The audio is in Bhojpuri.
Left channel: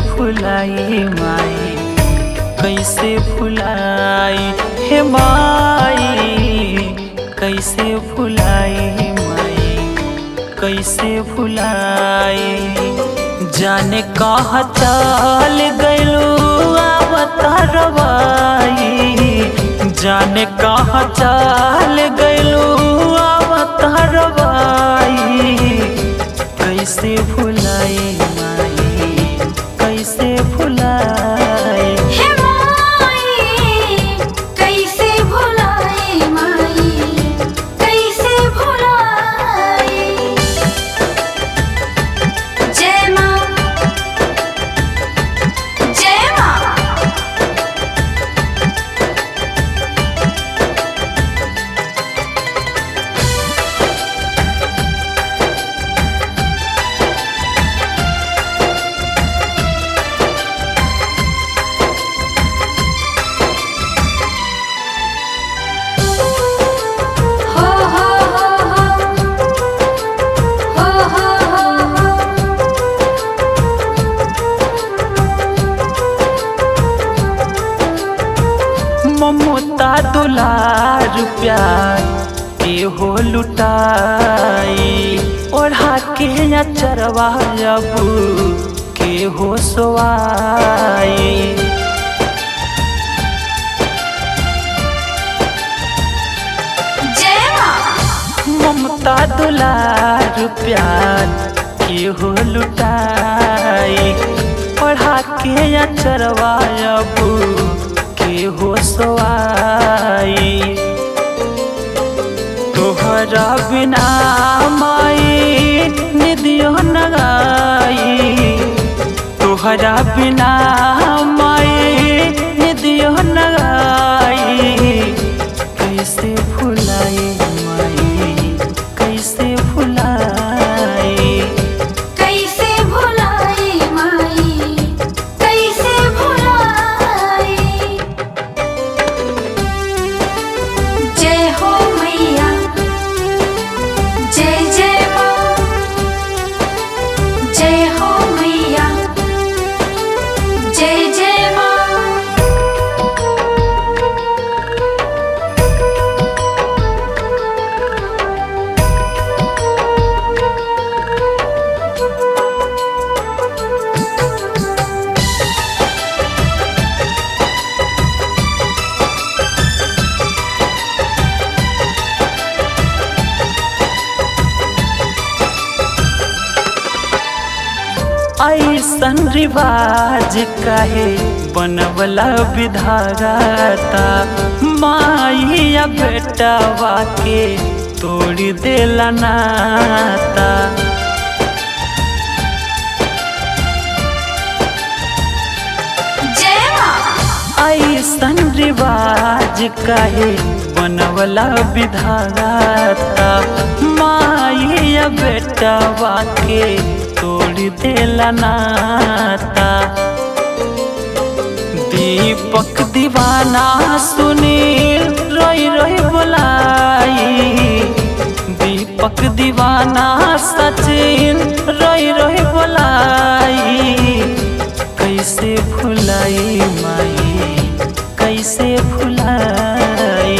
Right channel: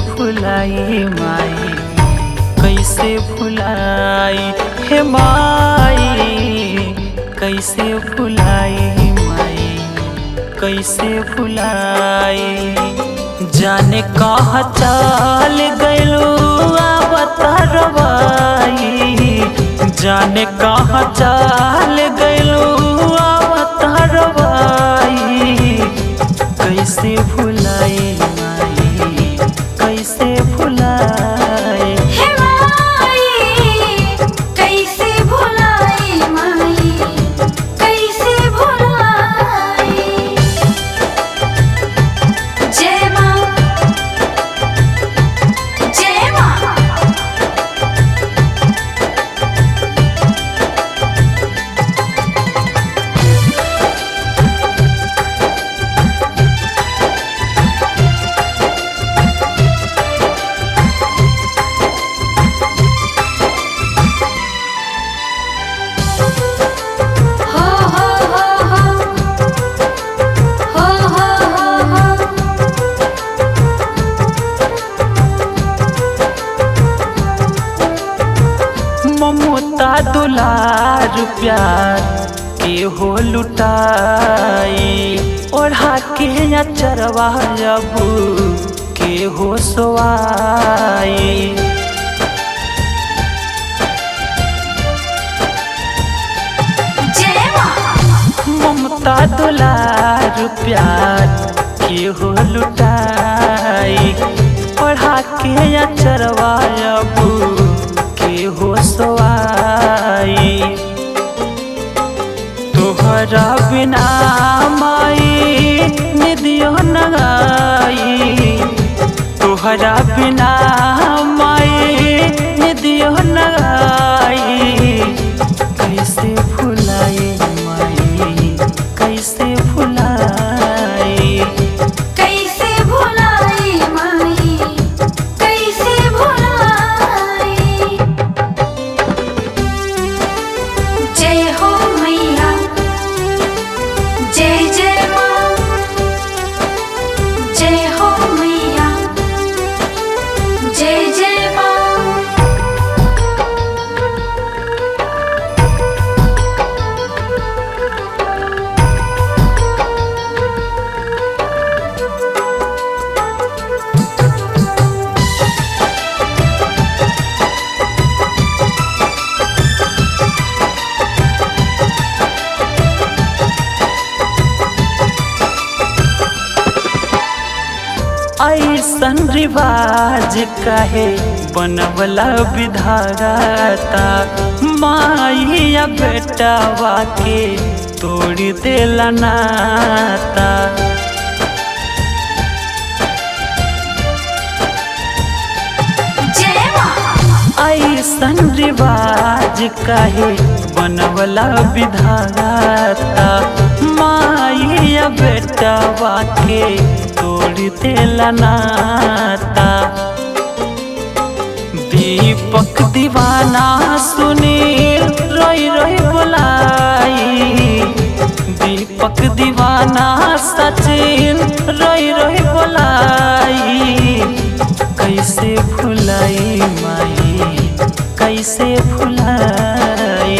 भुलाई माई, कैसे भुलाई हे माई, कैसे भुलाई माई, कैसे भुलाई। जाने कहाँ चल गइलू आवता रवाई, जाने कहाँ चल गइलू आवता रवाई। कैसे भुलाई माई, कैसे भुलाई हे माई, कैसे भुलाई माई, कैसे भुलाई। जय माँ, जय माँ। ममता दुलार प्यार के हो लुटाई, ओढ़ा के अचरवा अब के हो सोवाई। जय माँ। ममता दुलार प्यार के हो लुटाई, ओढ़ा के अचरवा अब के हो सोवाई। तोहरा बिना माई निदियो नगाई, तोहरा बिना माई निदियो नगाई। कैसे भुलाई माई, कैसे भुलाई, कैसे भुलाई माई, कैसे भुलाई। जय हो मैया, जय जय माँ, जय हो मैया, जय जय माँ। ऐसन रिवाज काहे बनवला विधाता, माइया बेटावा के तोड़ देला नाता। जय माँ। ऐसन रिवाज काहे बनवला विधाता, माइया बेटावा के तोड़ देला नाता। दीपक दीवाना सुनील रोई रोई बोलाई, दीपक दीवाना सचिन रोई रोई बोलाई। कैसे भुलाई माई, कैसे भुलाई।